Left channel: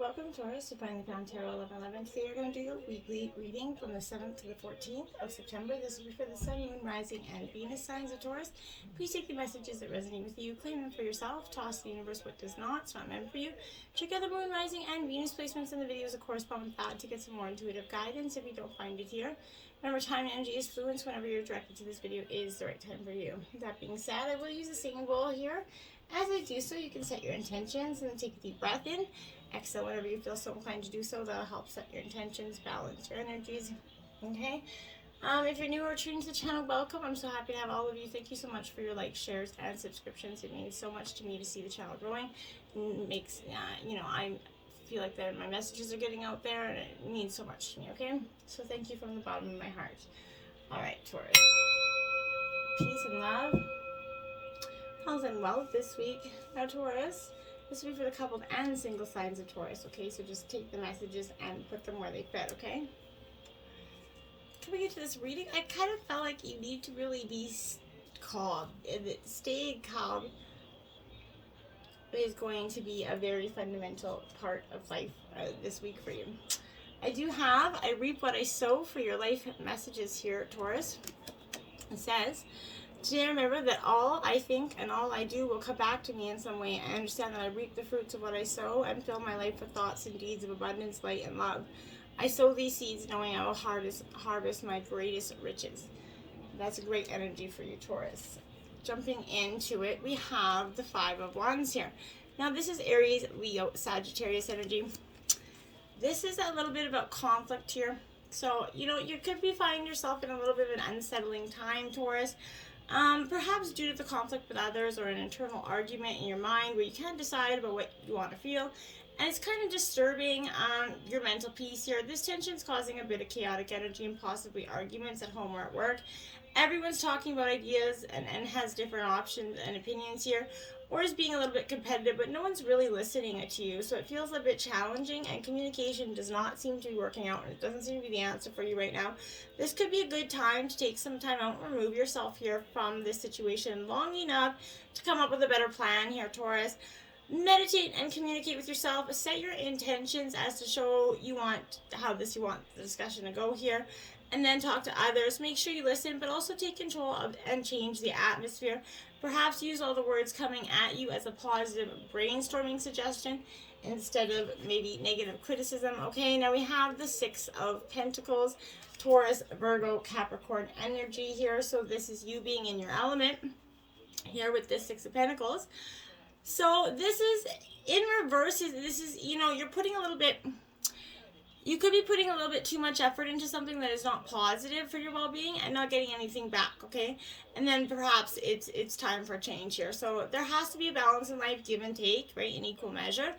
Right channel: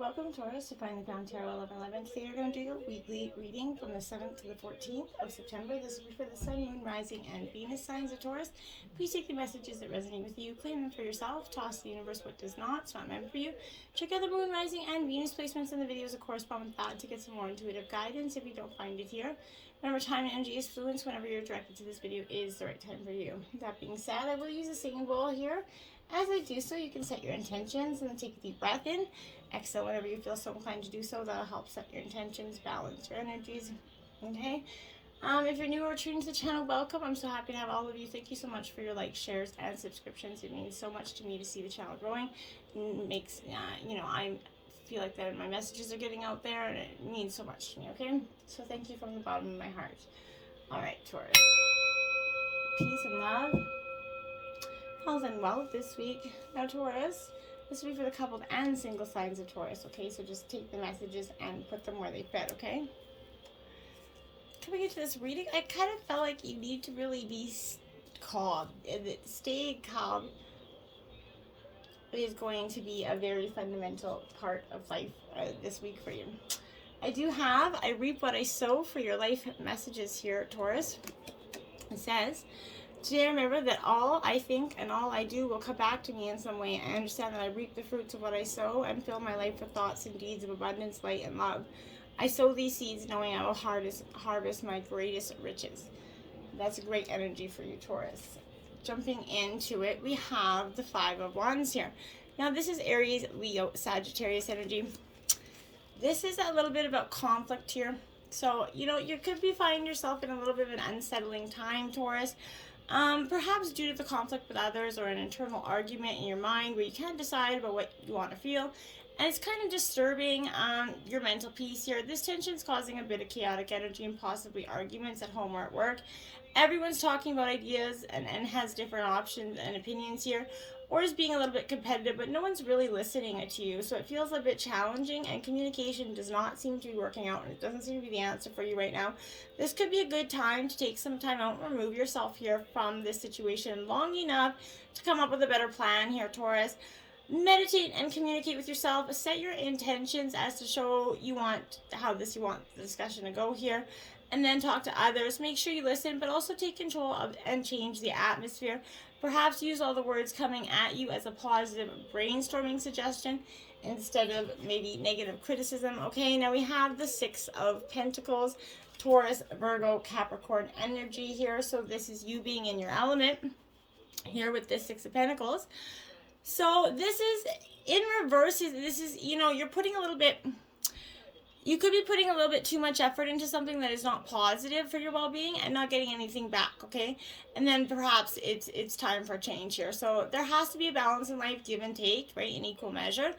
Welcome, Taurus, to Find the Crown Tarot 1111. Today you're going to do your weekly reading from the 7th to the 14th of September. This will be for the Sun, Moon, Rising, and Venus signs of Taurus. Please take the messages that resonate with you, claim them for yourself, toss the universe what does not. It's not meant for you. Check out the Moon, Rising, and Venus placements in the videos that correspond with that to get some more intuitive guidance if you don't find it here. Remember, time and energy is fluence. Whenever you're directed to this video is the right time for you. That being said, I will use a singing bowl here. As I do so, you can set your intentions and then take a deep breath in. Exhale whenever you feel so inclined to do so. That'll help set your intentions, balance your energies. Okay. If you're new or tuned to the channel, welcome. I'm so happy to have all of you. Thank you so much for your likes, shares, and subscriptions. It means so much to me to see the channel growing. It makes, I feel like that my messages are getting out there, and it means so much to me. Okay. So thank you from the bottom of my heart. All right, Taurus. Peace and love. Health and wealth this week. Now, Taurus. This will be for the coupled and single signs of Taurus, okay? So just take the messages and put them where they fit, okay? Coming into this reading, I kind of felt like you need to really be calm. Staying calm is going to be a very fundamental part of life this week for you. I reap what I sow for your life messages here, Taurus. It says, today remember that all I think and all I do will come back to me in some way. I understand that I reap the fruits of what I sow and fill my life with thoughts and deeds of abundance, light, and love. I sow these seeds knowing I will harvest my greatest riches. That's a great energy for you, Taurus. Jumping into it, we have the Five of Wands here. Now this is Aries, Leo, Sagittarius energy. This is a little bit about conflict here. So, you could be finding yourself in a little bit of an unsettling time, Taurus. Perhaps due to the conflict with others or an internal argument in your mind where you can't decide about what you want to feel. And it's kind of disturbing your mental peace here. This tension is causing a bit of chaotic energy and possibly arguments at home or at work. Everyone's talking about ideas and has different options and opinions here, or is being a little bit competitive, but no one's really listening to you. So it feels a bit challenging, and communication does not seem to be working out, and it doesn't seem to be the answer for you right now. This could be a good time to take some time out and remove yourself here from this situation long enough to come up with a better plan here, Taurus. Meditate and communicate with yourself. Set your intentions as to show you want you want the discussion to go here. And then talk to others. Make sure you listen, but also take control of and change the atmosphere. Perhaps use all the words coming at you as a positive brainstorming suggestion instead of maybe negative criticism. Okay, now we have the Six of Pentacles, Taurus, Virgo, Capricorn energy here. So this is you being in your element here with this Six of Pentacles. So this is in reverse. This is, you're putting a little bit... You could be putting a little bit too much effort into something that is not positive for your well-being and not getting anything back, okay? And then perhaps it's time for a change here. So there has to be a balance in life, give and take, right, in equal measure.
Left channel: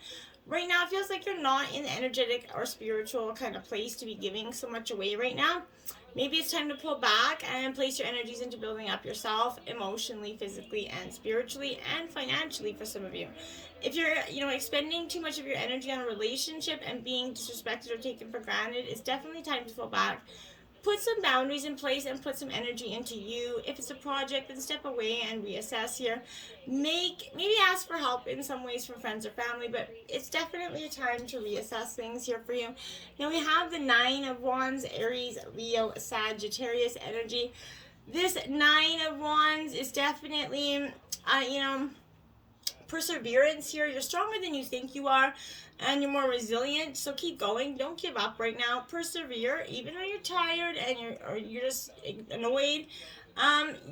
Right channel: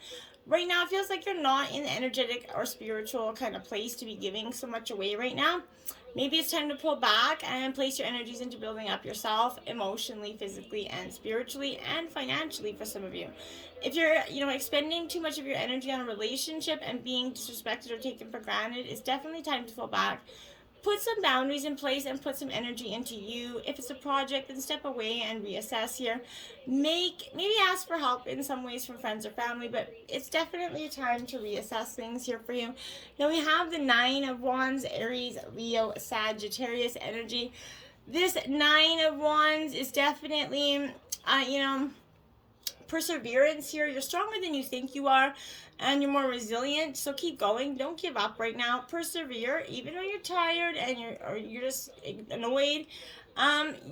Right now, it feels like you're not in the energetic or spiritual kind of place to be giving so much away right now. Maybe it's time to pull back and place your energies into building up yourself emotionally, physically, and spiritually, and financially for some of you. If you're, expending too much of your energy on a relationship and being disrespected or taken for granted, it's definitely time to pull back. Put some boundaries in place and put some energy into you. If it's a project, then step away and reassess here. Maybe ask for help in some ways from friends or family, but it's definitely a time to reassess things here for you. Now we have the Nine of Wands, Aries, Leo, Sagittarius energy. This Nine of Wands is definitely, perseverance here. You're stronger than you think you are, and you're more resilient, so keep going. Don't give up right now. Persevere even when you're tired and you're just annoyed.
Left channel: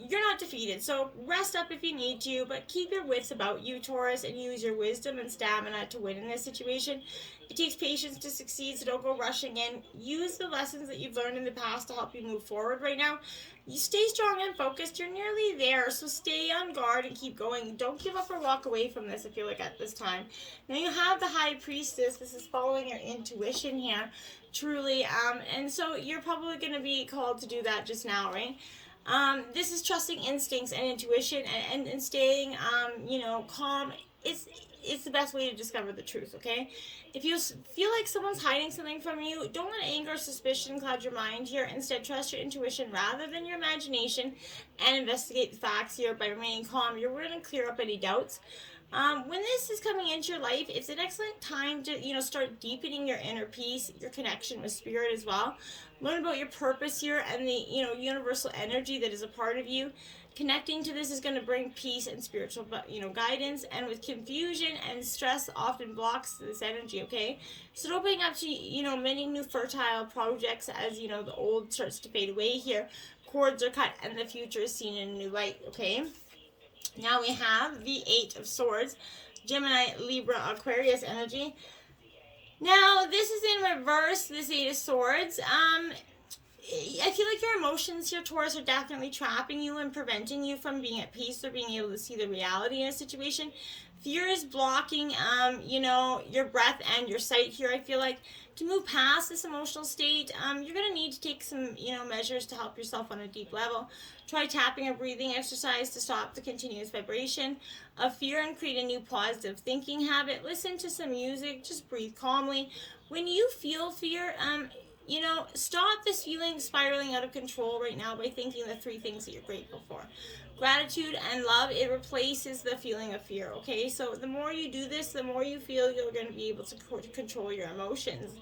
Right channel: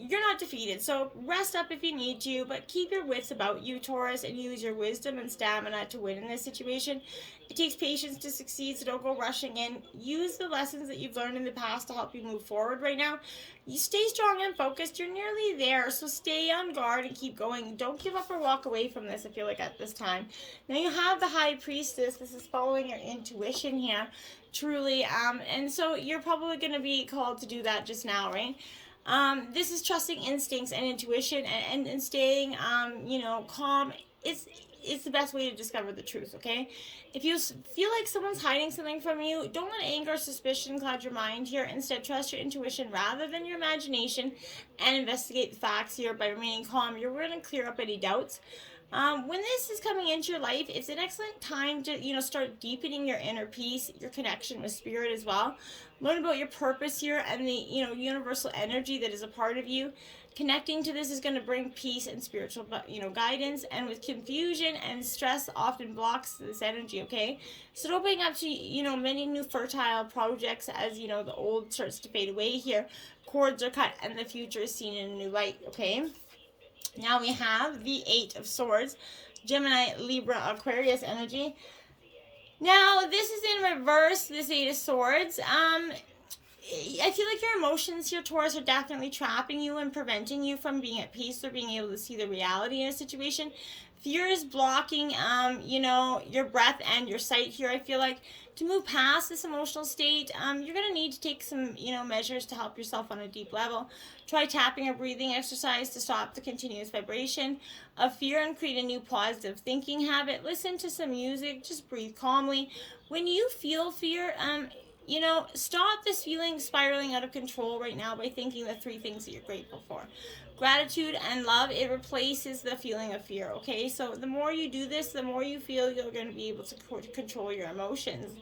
You're not defeated, so rest up if you need to, but keep your wits about you, Taurus, and use your wisdom and stamina to win in this situation. It takes patience to succeed, so don't go rushing in. Use the lessons that you've learned in the past to help you move forward right now. You stay strong and focused. You're nearly there, so stay on guard and keep going. Don't give up or walk away from this, I feel like, at this time. Now you have the High Priestess. This is following your intuition here, truly. And so you're probably going to be called to do that just now, right? This is trusting instincts and intuition and staying, calm. It's the best way to discover the truth, okay? If you feel like someone's hiding something from you, don't let anger or suspicion cloud your mind here. Instead, trust your intuition rather than your imagination and investigate the facts here by remaining calm. You're going to clear up any doubts. When this is coming into your life, it's an excellent time to, you know, start deepening your inner peace, your connection with spirit as well. Learn about your purpose here and the, you know, universal energy that is a part of you. Connecting to this is going to bring peace and spiritual, you know, guidance. And with confusion and stress often blocks this energy, okay? So opening up to, you know, many new fertile projects as, you know, the old starts to fade away here. Cords are cut and the future is seen in a new light, okay? Now we have the Eight of Swords, Gemini, Libra, Aquarius energy. Now, this is in reverse, this Eight of Swords. I feel like your emotions here, Taurus, are definitely trapping you and preventing you from being at peace or being able to see the reality in a situation. Fear is blocking, you know, your breath and your sight here. I feel like to move past this emotional state, you're going to need to take some, you know, measures to help yourself on a deep level. Try tapping or breathing exercise to stop the continuous vibration of fear and create a new positive thinking habit. Listen to some music, just breathe calmly. When you feel fear, you know, stop this feeling spiraling out of control right now by thinking the 3 things that you're grateful for. Gratitude and love, it replaces the feeling of fear, okay? So the more you do this, the more you feel you're going to be able to control your emotions.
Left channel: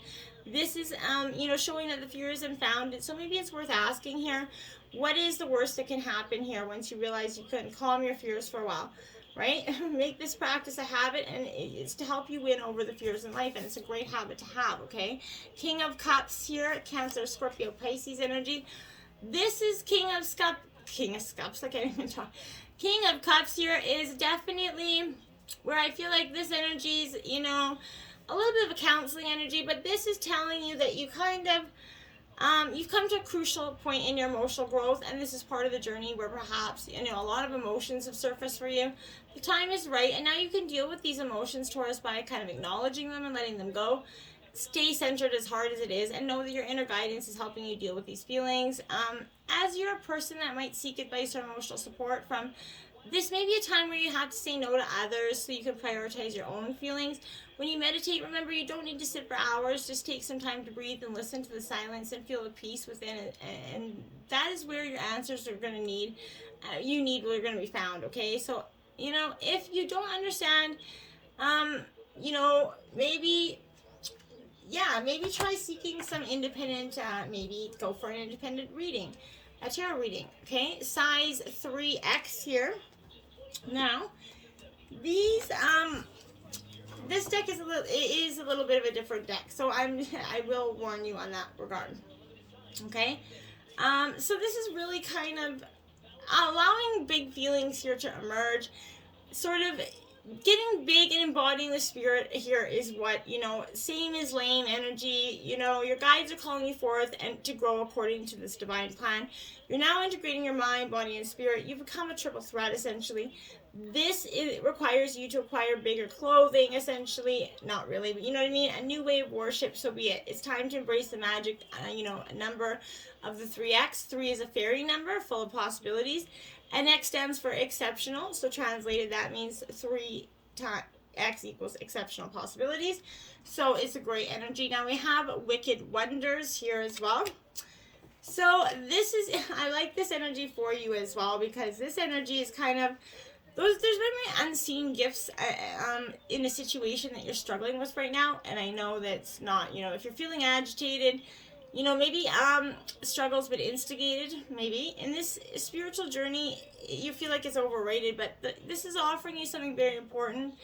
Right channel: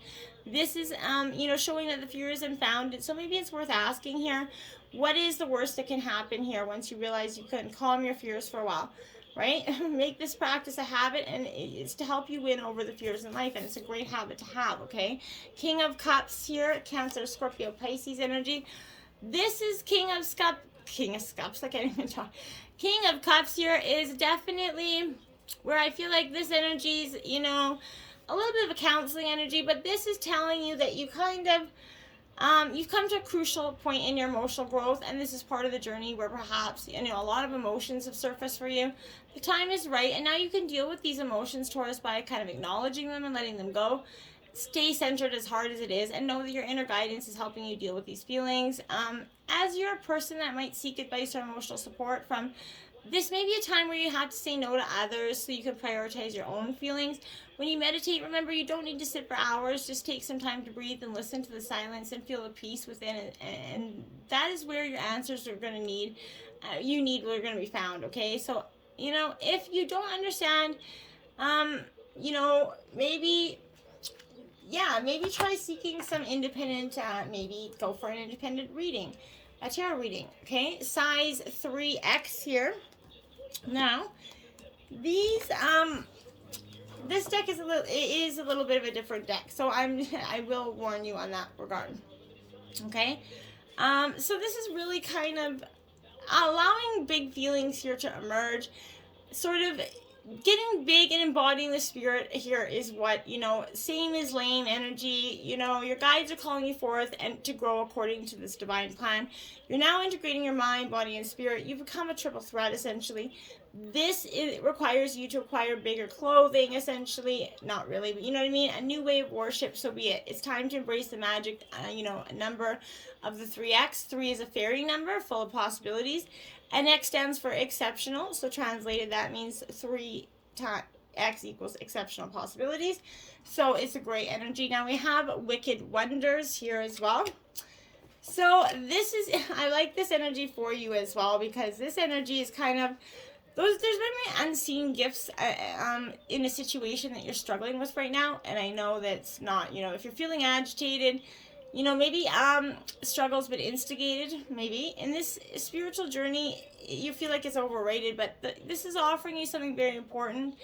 This is, you know, showing that the fear is unfounded. So maybe it's worth asking here, what is the worst that can happen here once you realize you couldn't calm your fears for a while, right? Make this practice a habit, and it's to help you win over the fears in life, and it's a great habit to have, okay? King of Cups here, Cancer, Scorpio, Pisces energy. This is King of Cups, I can't even talk. King of Cups here is definitely where I feel like this energy is, you know, a little bit of a counseling energy, but this is telling you that you kind of, you've come to a crucial point in your emotional growth, and this is part of the journey where perhaps, you know, a lot of emotions have surfaced for you. The time is right, and now you can deal with these emotions, Taurus, by kind of acknowledging them and letting them go. Stay centered as hard as it is, and know that your inner guidance is helping you deal with these feelings. As you're a person that might seek advice or emotional support from, this may be a time where you have to say no to others so you can prioritize your own feelings. When you meditate, remember you don't need to sit for hours. Just take some time to breathe and listen to the silence and feel the peace within it. And that is where your answers are going to need, are going to be found, okay? So, you know, if you don't understand, you know, maybe try seeking some independent, maybe go for an independent reading, a tarot reading, okay? Size 3X here. Now, these, this deck is a little bit of a different deck, so I will warn you on that regard. Okay, so this is really kind of allowing big feelings here to emerge, sort of getting big and embodying the spirit here is what, you know, same as lame energy. You know, your guides are calling you forth and to grow according to this divine plan. You're now integrating your mind, body, and spirit. You've become a triple threat, essentially. It requires you to acquire bigger clothing, essentially. Not really, but you know what I mean? A new way of worship, so be it. It's time to embrace the magic, you know, a number of the 3X. 3 is a fairy number, full of possibilities. And X stands for exceptional. So translated, that means 3 times X equals exceptional possibilities. So it's a great energy. Now we have Wicked Wonders here as well. So this is, I like this energy for you as well, because this energy is kind of, there's been unseen gifts in a situation that you're struggling with right now. And I know that's not, you know, if you're feeling agitated, you know, maybe struggles but instigated, maybe. In this spiritual journey, you feel like it's overrated, but this is offering you something very important.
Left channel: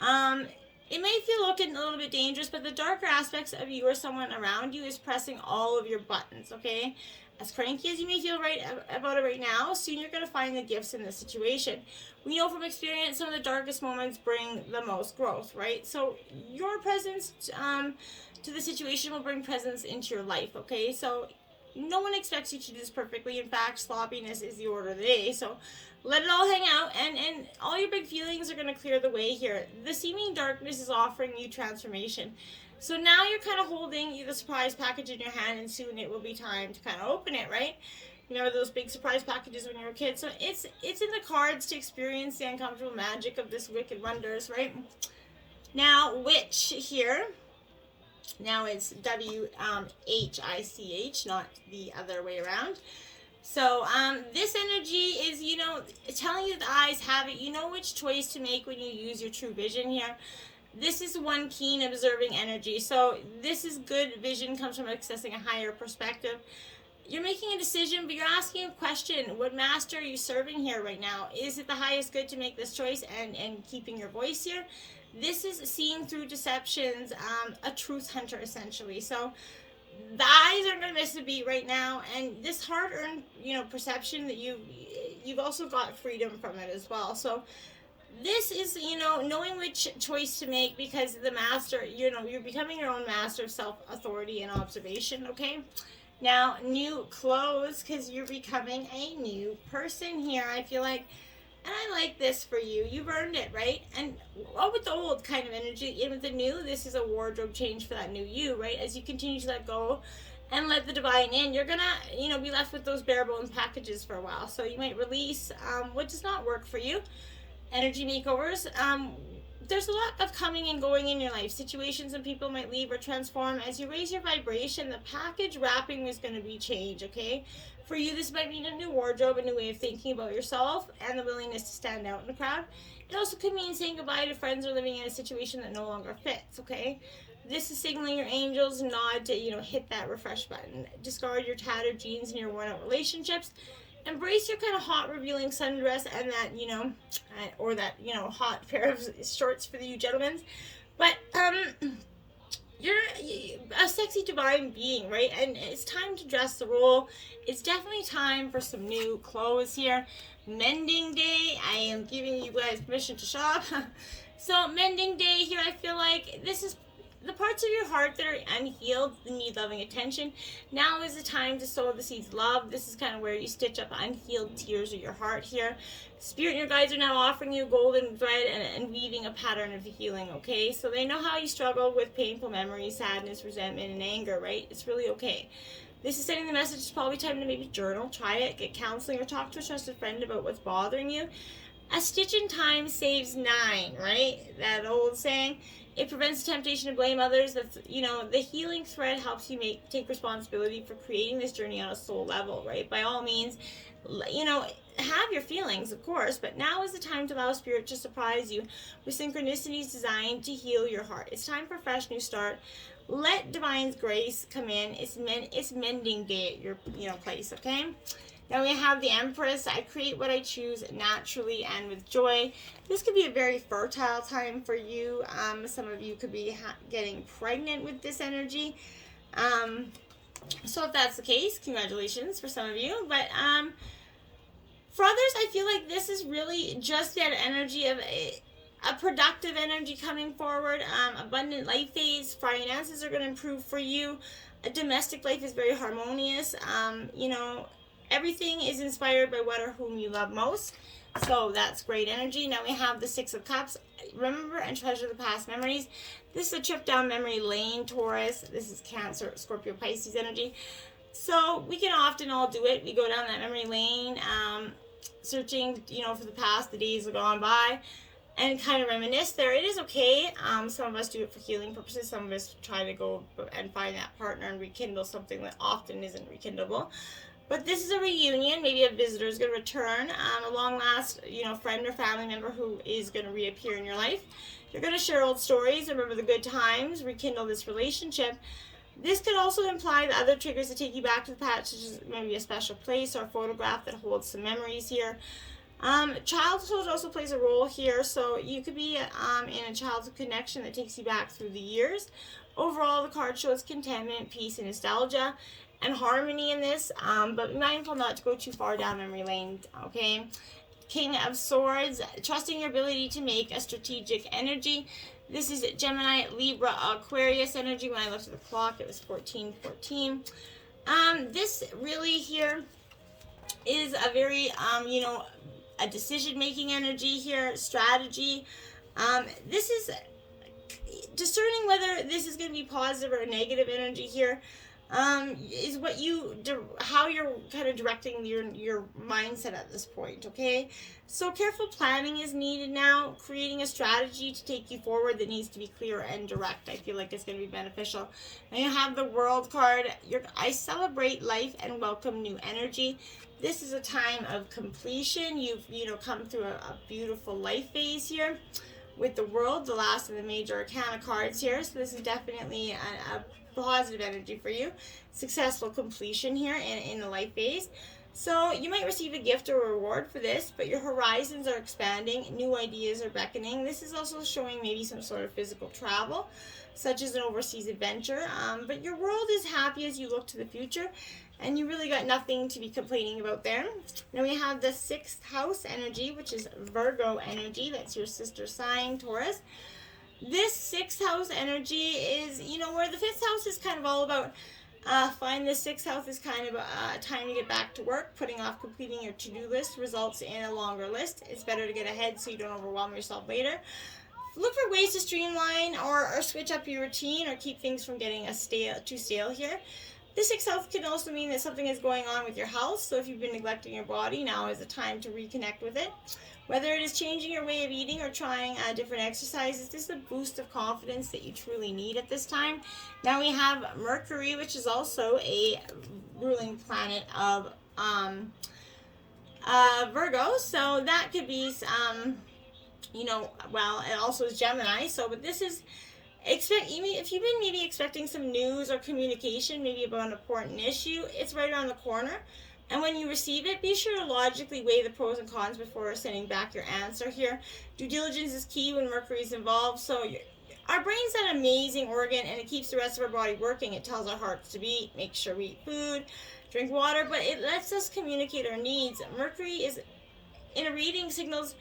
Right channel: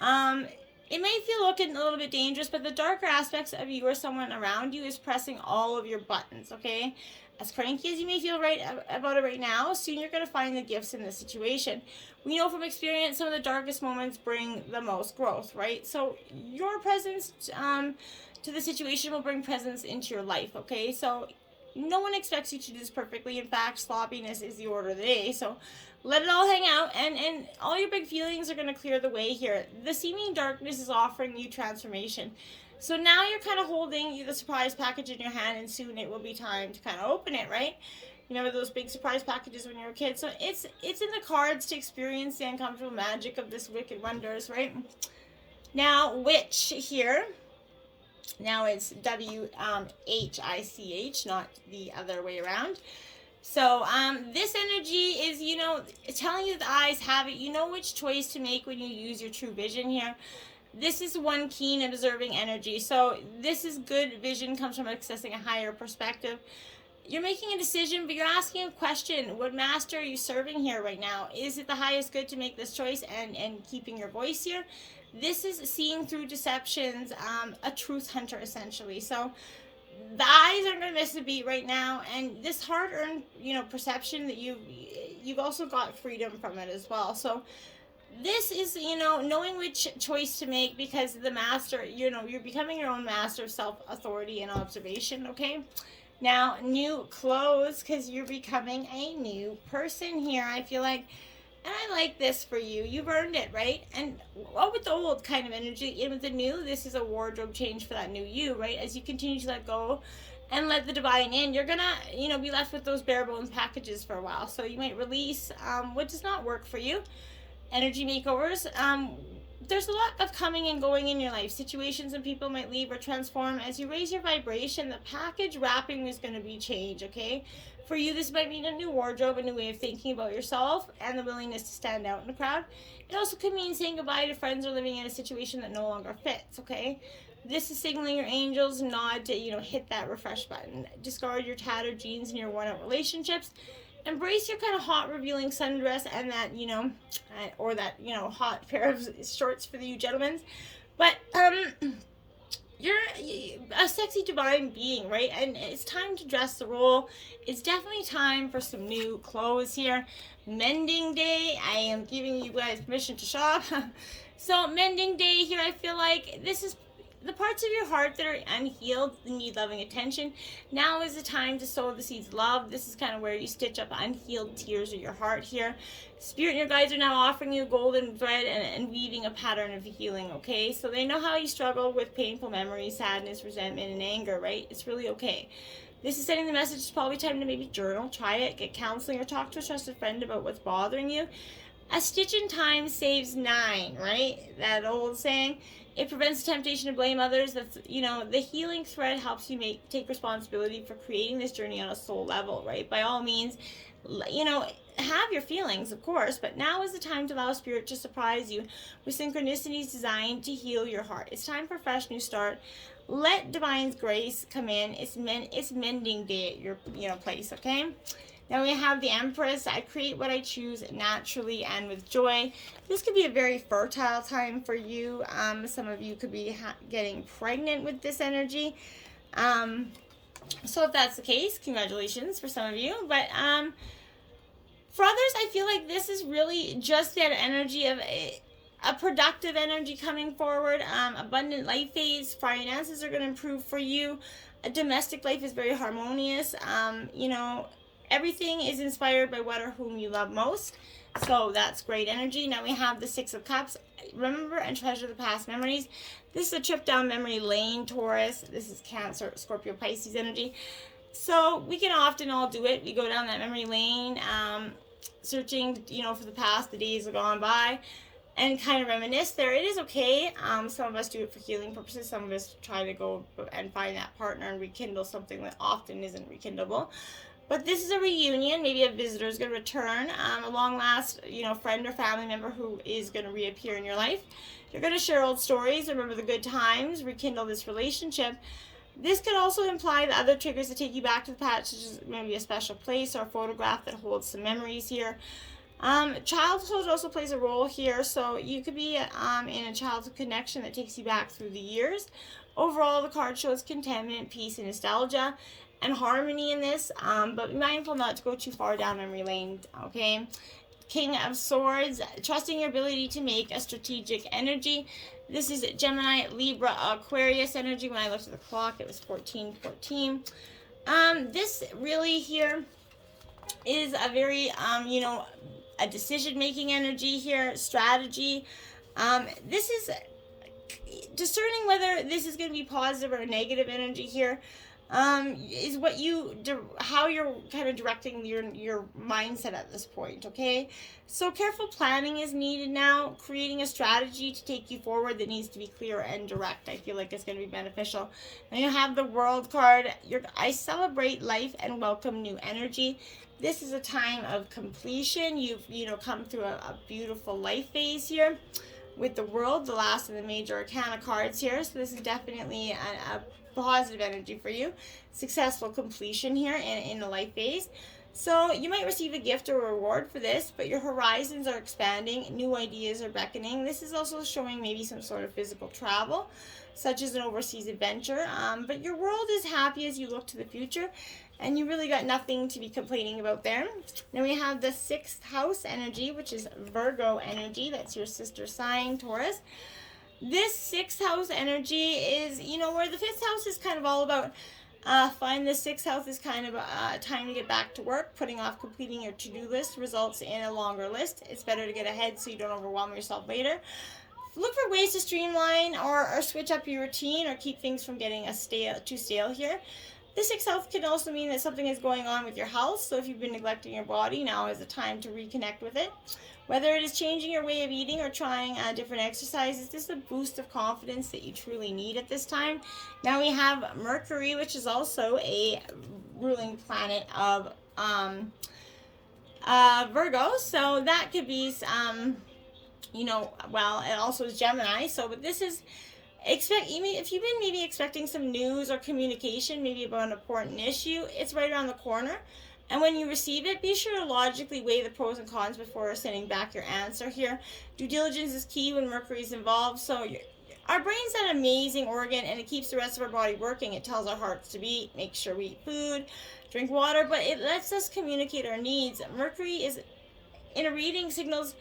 It may feel looking a little bit dangerous, but the darker aspects of you or someone around you is pressing all of your buttons, okay? As cranky as you may feel about it right now, soon you're going to find the gifts in this situation. We know from experience some of the darkest moments bring the most growth, right? So your presence to the situation will bring presence into your life, okay? So no one expects you to do this perfectly. In fact, sloppiness is the order of the day. So let it all hang out, and all your big feelings are going to clear the way here. The seeming darkness is offering you transformation. So now you're kind of holding the surprise package in your hand, and soon it will be time to kind of open it, right? You know, those big surprise packages when you were a kid. So it's in the cards to experience the uncomfortable magic of this Wicked Wonders, right? Now, Witch here. Now it's W-H-I-C-H, not the other way around. So this energy is, you know, telling you the eyes have it. You know which choice to make when you use your true vision here. This is one keen observing energy. So this is good vision, comes from accessing a higher perspective. You're making a decision, but you're asking a question. What master are you serving here right now? Is it the highest good to make this choice and keeping your voice here? This is seeing through deceptions, a truth hunter essentially. So the eyes aren't going to miss a beat right now, and this hard-earned, you know, perception that you've also got freedom from it as well. So this is, you know, knowing which choice to make, because the master, you know, you're becoming your own master of self-authority and observation, okay? Now, new clothes, because you're becoming a new person here, I feel like. And I like this for you. You've earned it, right? And what with the old kind of energy, and with the new, this is a wardrobe change for that new you, right? As you continue to let go and let the divine in, you're going to, you know, be left with those bare bones packages for a while. So you might release what does not work for you. Energy makeovers. There's a lot of coming and going in your life. Situations and people might leave or transform. As you raise your vibration, the package wrapping is going to be changed, okay? For you, this might mean a new wardrobe, a new way of thinking about yourself, and the willingness to stand out in a crowd. It also could mean saying goodbye to friends or living in a situation that no longer fits, okay? This is signaling your angels nod to, you know, hit that refresh button. Discard your tattered jeans and your worn-out relationships. Embrace your kind of hot, revealing sundress and that, you know, or that, you know, hot pair of shorts for you gentlemen. But, you're a sexy divine being, right? And it's time to dress the role. It's definitely time for some new clothes here. Mending day. I am giving you guys permission to shop. So mending day here, I feel like this is the parts of your heart that are unhealed, that need loving attention. Now is the time to sow the seeds of love. This is kind of where you stitch up unhealed tears of your heart here. Spirit and your guides are now offering you golden thread and weaving a pattern of healing, okay? So they know how you struggle with painful memories, sadness, resentment, and anger, right? It's really okay. This is sending the message. It's probably time to maybe journal, try it, get counseling, or talk to a trusted friend about what's bothering you. A stitch in time saves 9, right? That old saying. It prevents the temptation to blame others. That's, you know, the healing thread helps you take responsibility for creating this journey on a soul level, right? By all means, you know, have your feelings, of course, but now is the time to allow Spirit to surprise you with synchronicities designed to heal your heart. It's time for a fresh new start. Let Divine's grace come in. It's mending day at your, you know, place, okay? Then we have the Empress. I create what I choose naturally and with joy. This could be a very fertile time for you. Some of you could be getting pregnant with this energy. So if that's the case, congratulations for some of you. But for others, I feel like this is really just that energy of a productive energy coming forward. Abundant life phase. Finances are going to improve for you. A domestic life is very harmonious. You know, everything is inspired by what or whom you love most. So that's great energy. Now we have the Six of Cups. Remember and treasure the past memories. This is a trip down memory lane, Taurus. This is Cancer, Scorpio, Pisces energy. So we can often all do it. We go down that memory lane, searching, you know, for the past, the days have gone by, and kind of reminisce there. It is okay. Some of us do it for healing purposes. Some of us try to go and find that partner and rekindle something that often isn't rekindleable. But this is a reunion. Maybe a visitor is going to return, a long last, you know, friend or family member who is going to reappear in your life. You're going to share old stories, remember the good times, rekindle this relationship. This could also imply the other triggers that take you back to the past, such as maybe a special place or a photograph that holds some memories here. Childhood also plays a role here, so you could be in a childhood connection that takes you back through the years. Overall, the card shows contentment, peace, and nostalgia, and harmony in this, but be mindful not to go too far down memory lane, okay? King of Swords, trusting your ability to make a strategic energy. This is Gemini, Libra, Aquarius energy. When I looked at the clock, it was 14:14. This really here is a very, you know, a decision-making energy here, strategy. This is discerning whether this is going to be positive or a negative energy here. is how you're kind of directing your mindset at this point, okay? So careful planning is needed now, creating a strategy to take you forward that needs to be clear and direct. I feel like it's going to be beneficial. Now you have the World card. I celebrate life and welcome new energy. This is a time of completion. You've come through a beautiful life phase here with the World, the last of the major arcana cards here. So this is definitely a positive energy for you. Successful completion here in the life phase. So you might receive a gift or reward for this, but your horizons are expanding. New ideas are beckoning. This is also showing maybe some sort of physical travel, such as an overseas adventure. But your world is happy as you look to the future, and you really got nothing to be complaining about there. Then we have the 6th house energy, which is Virgo energy. That's your sister sign, Taurus. This 6th house energy is, where the 5th house is kind of all about find the 6th house is kind of time to get back to work. Putting off completing your to-do list results in a longer list. It's better to get ahead so you don't overwhelm yourself later. Look for ways to streamline or switch up your routine or keep things from getting too stale here. The 6th house can also mean that something is going on with your health. So if you've been neglecting your body, now is the time to reconnect with it. Whether it is changing your way of eating or trying different exercises, this is a boost of confidence that you truly need at this time. Now we have Mercury, which is also a ruling planet of Virgo. So that could be, it also is Gemini. So, but this is, if you've been maybe expecting some news or communication, maybe about an important issue, it's right around the corner. And when you receive it, be sure to logically weigh the pros and cons before sending back your answer here. Due diligence is key when Mercury is involved. So our brain's an amazing organ, and it keeps the rest of our body working. It tells our hearts to beat, make sure we eat food, drink water, but it lets us communicate our needs. Mercury is in a reading signals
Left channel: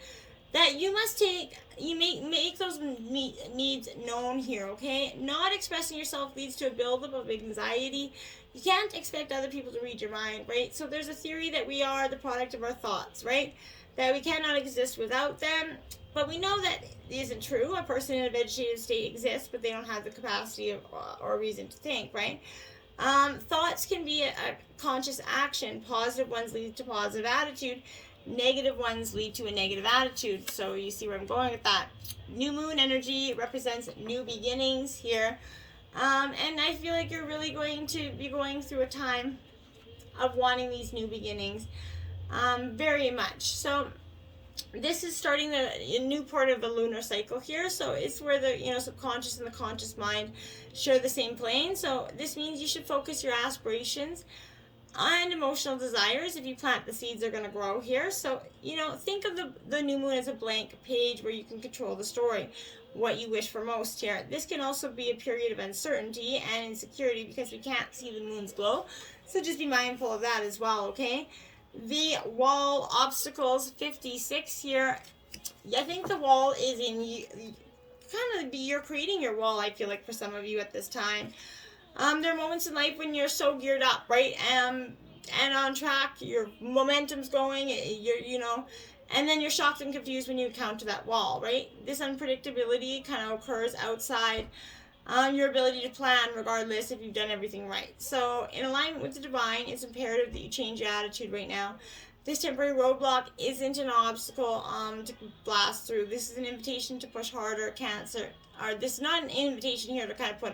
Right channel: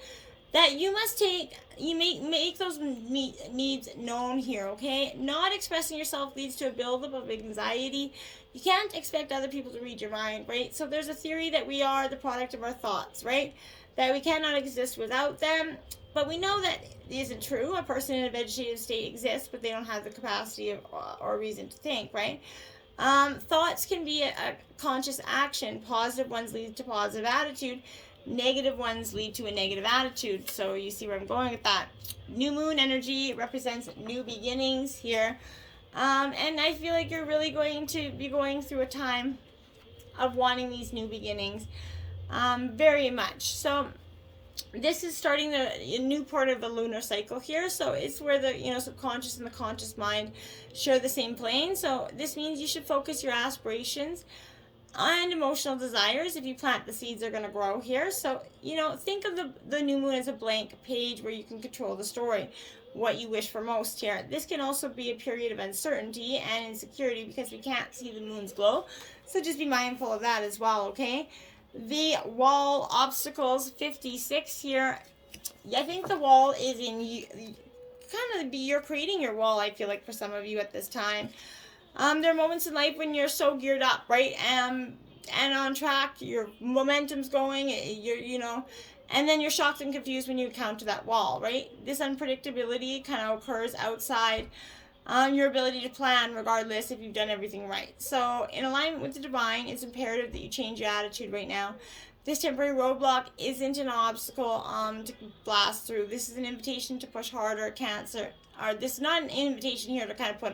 that you must make those needs known here, okay? Not expressing yourself leads to a buildup of anxiety. You can't expect other people to read your mind, right? So there's a theory that we are the product of our thoughts, right? That we cannot exist without them. But we know that isn't true. A person in a vegetative state exists, but they don't have the capacity or reason to think, right? Thoughts can be a conscious action. Positive ones lead to positive attitude. Negative ones lead to a negative attitude. So you see where I'm going with that. New moon energy represents new beginnings here. And I feel like you're really going to be going through a time of wanting these new beginnings very much. So this is starting a new part of the lunar cycle here. So it's where the subconscious and the conscious mind share the same plane. So this means you should focus your aspirations and emotional desires. If you plant the seeds, they're going to grow here. So think of the new moon as a blank page where you can control the story, what you wish for most here. This can also be a period of uncertainty and insecurity because we can't see the moon's glow. So just be mindful of that as well, okay? The wall obstacles 56 here. I think the wall is you're creating your wall, I feel like, for some of you at this time. There are moments in life when you're so geared up, right? And on track, your momentum's going, and then you're shocked and confused when you encounter that wall, right? This unpredictability kind of occurs outside your ability to plan, regardless if you've done everything right. So in alignment with the divine, it's imperative that you change your attitude right now. This temporary roadblock isn't an obstacle to blast through. This is an invitation to push harder, this is not an invitation here to kind of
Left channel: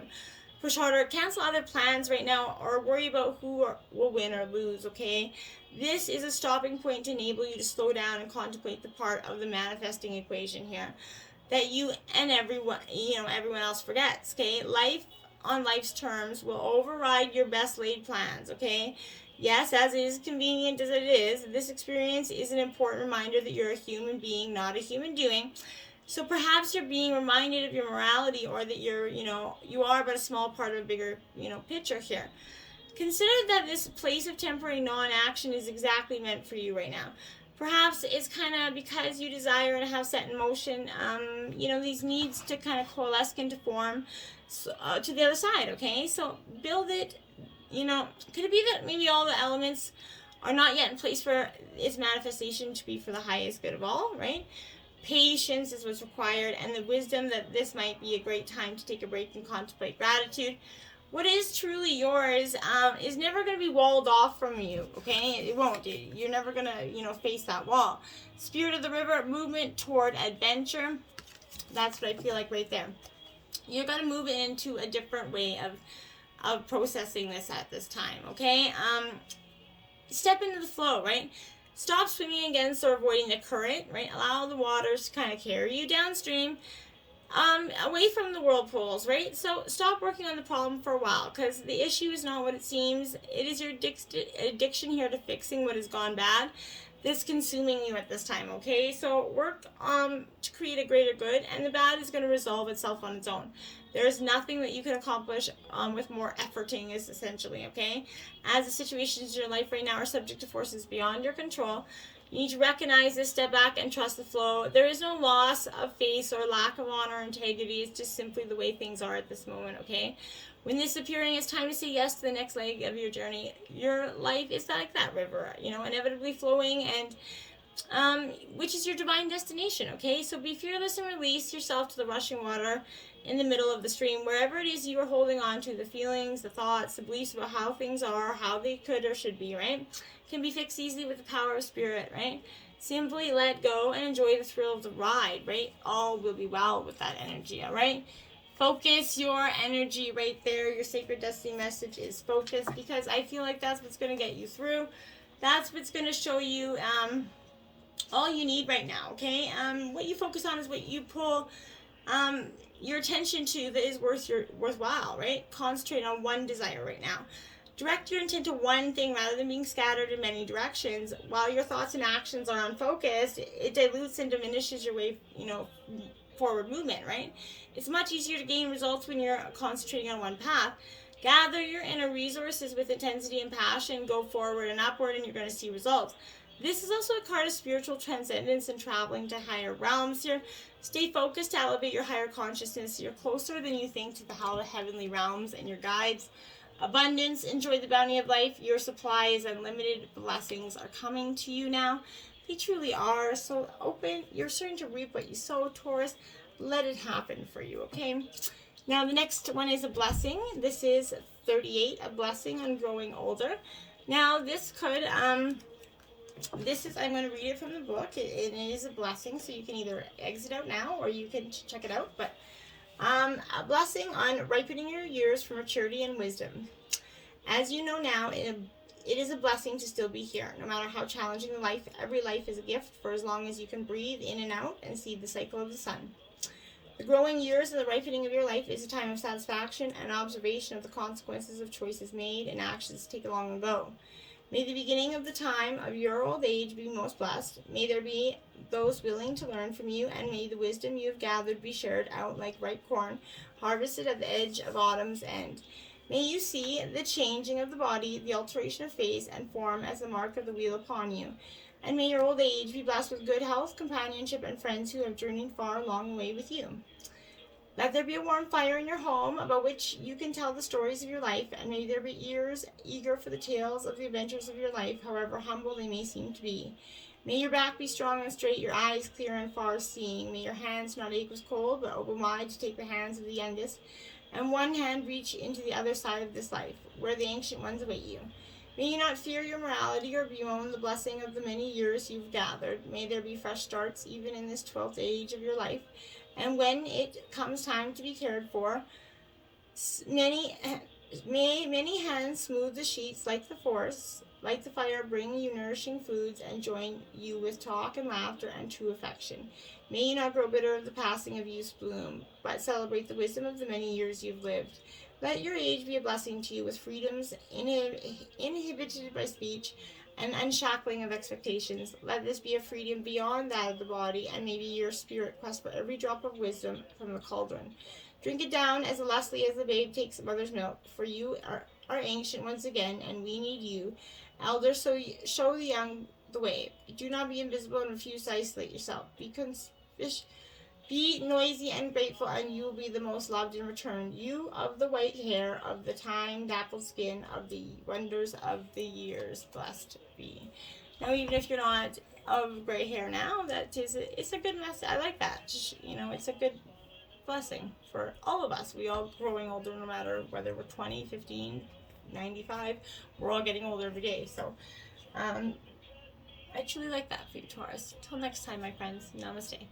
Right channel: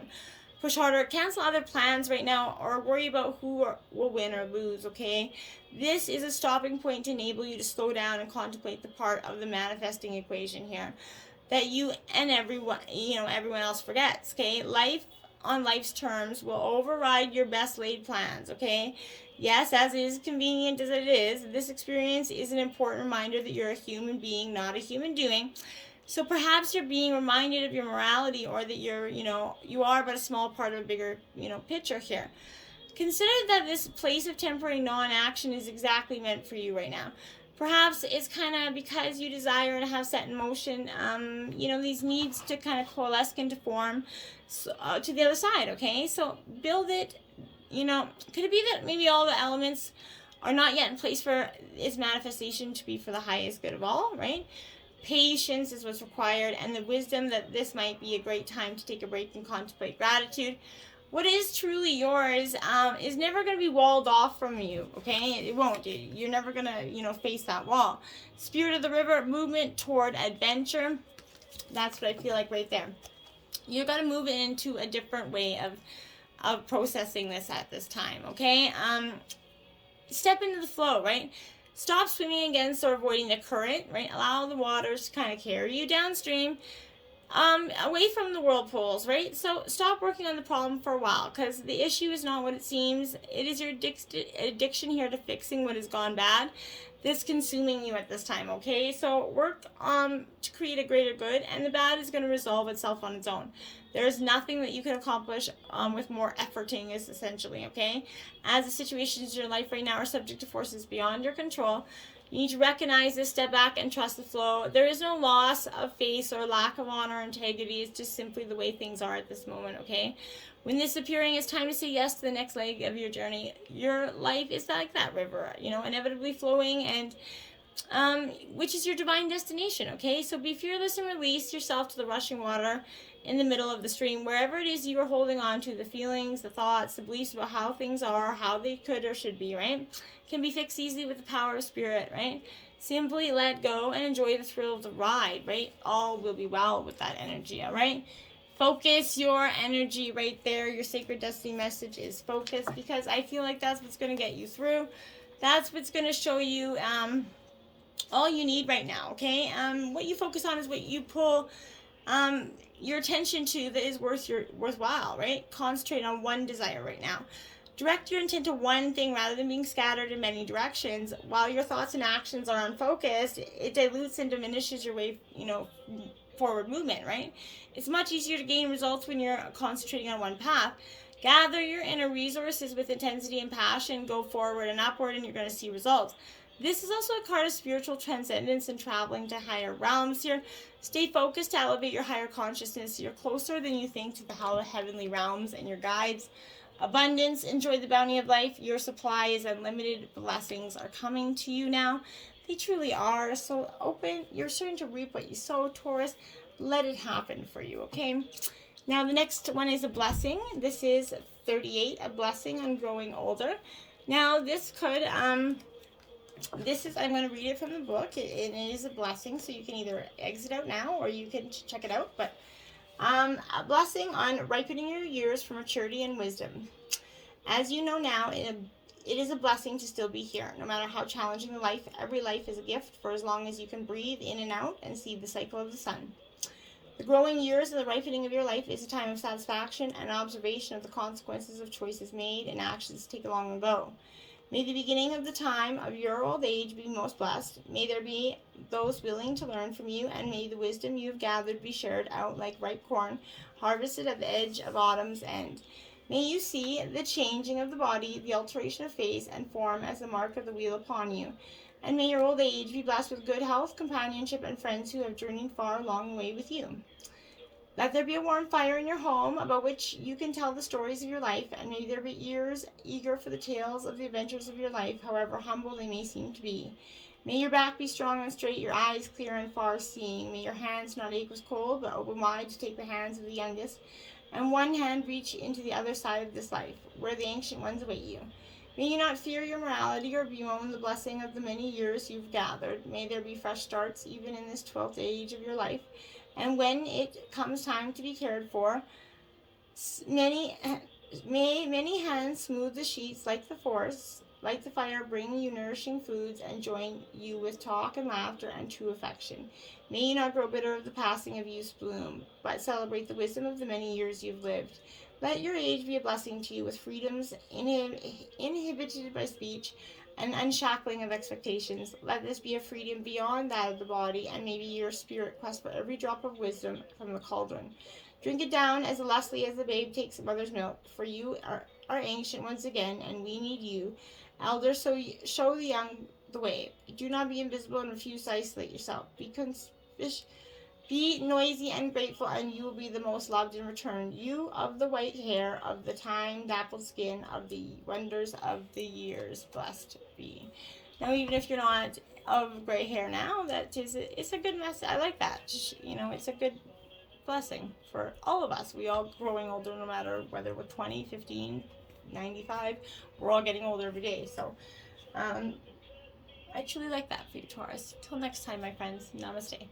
push harder, cancel other plans right now, or worry about who will win or lose, okay? This is a stopping point to enable you to slow down and contemplate the part of the manifesting equation here that you and everyone else forgets, okay? Life on life's terms will override your best laid plans, okay? Yes, as is convenient as it is, this experience is an important reminder that you're a human being, not a human doing. So perhaps you're being reminded of your morality, or that you are but a small part of a bigger, picture here. Consider that this place of temporary non-action is exactly meant for you right now. Perhaps it's kind of because you desire to have set in motion, these needs to kind of coalesce into form to the other side, okay? So build it, could it be that maybe all the elements are not yet in place for its manifestation to be for the highest good of all, right? Patience is what's required, and the wisdom that this might be a great time to take a break and contemplate gratitude. what is truly yours is never going to be walled off from you, okay? It won't. You're never going to, face that wall. Spirit of the river, movement toward adventure. That's what I feel like right there. You're going to move into a different way of processing this at this time, okay? Step into the flow, right? Stop swimming against or avoiding the current, right? Allow the waters to kind of carry you downstream, away from the whirlpools, right? So stop working on the problem for a while, because the issue is not what it seems. It is your addiction here to fixing what has gone bad that's consuming you at this time, okay? So work to create a greater good, and the bad is going to resolve itself on its own. There's nothing that you can accomplish with more efforting, is essentially, okay? As the situations in your life right now are subject to forces beyond your control, you need to recognize this, step back, and trust the flow. There is no loss of faith or lack of honor or integrity. It's just simply the way things are at this moment, okay? When this is appearing, it's time to say yes to the next leg of your journey. Your life is like that river, inevitably flowing, and which is your divine destination, okay? So be fearless and release yourself to the rushing water in the middle of the stream. Wherever it is you are holding on to, the feelings, the thoughts, the beliefs about how things are, how they could or should be, right? Can be fixed easily with the power of spirit, right? Simply let go and enjoy the thrill of the ride, right? All will be well with that energy, all right? Focus your energy right there. Your sacred destiny message is focus, because I feel like that's what's going to get you through. That's what's going to show you all you need right now, okay? What you focus on is what you pull your attention to that is worthwhile, right? Concentrate on one desire right now. Direct your intent to one thing rather than being scattered in many directions. While your thoughts and actions are unfocused, it dilutes and diminishes your way, forward movement, right? It's much easier to gain results when you're concentrating on one path. Gather your inner resources with intensity and passion, go forward and upward, and you're going to see results. This is also a card of spiritual transcendence and traveling to higher realms here. Stay focused to elevate your higher consciousness. You're closer than you think to the heavenly realms and your guides. Abundance, enjoy the bounty of life. Your supply is unlimited. Blessings are coming to you now. They truly are. So open. You're starting to reap what you sow, Taurus. Let it happen for you, okay? Now the next one is a blessing. This is 38, a blessing on growing older. Now this could, I'm going to read it from the book. It is a blessing, so you can either exit out now or you can check it out. But a blessing on ripening your years for maturity and wisdom. As you know now, it is a blessing to still be here. No matter how challenging the life, every life is a gift for as long as you can breathe in and out and see the cycle of the sun. The growing years and the ripening of your life is a time of satisfaction and observation of the consequences of choices made and actions taken long ago. May the beginning of the time of your old age be most blessed. May there be those willing to learn from you, and may the wisdom you have gathered be shared out like ripe corn, harvested at the edge of autumn's end. May you see the changing of the body, the alteration of face and form as the mark of the wheel upon you. And may your old age be blessed with good health, companionship, and friends who have journeyed far along the way with you. Let there be a warm fire in your home about which you can tell the stories of your life, and may there be ears eager for the tales of the adventures of your life, however humble they may seem to be. May your back be strong and straight, your eyes clear and far-seeing. May your hands not ache with cold, but open wide to take the hands of the youngest, and one hand reach into the other side of this life, where the ancient ones await you. May you not fear your morality or bemoan the blessing of the many years you've gathered. May there be fresh starts even in this 12th age of your life. And when it comes time to be cared for, may many hands smooth the sheets like the forest, like the fire, bring you nourishing foods, and join you with talk and laughter and true affection. May you not grow bitter of the passing of youth's bloom, but celebrate the wisdom of the many years you've lived. Let your age be a blessing to you with freedoms inhibited by speech and unshackling of expectations. Let this be a freedom beyond that of the body, and maybe your spirit quest for every drop of wisdom from the cauldron. Drink it down as lustily as the babe takes mother's milk, for you are ancient once again, and we need you. Elders, so show the young the way. Do not be invisible and refuse to isolate yourself. Be noisy and grateful, and you will be the most loved in return. You of the white hair, of the time-dappled skin, of the wonders of the years, blessed be. Now, even if you're not of gray hair now, it's a good message. I like that. It's a good blessing for all of us. We all growing older, no matter whether we're 20, 15, 95. We're all getting older every day. So I truly like that for you, Taurus. Till next time, my friends. Namaste.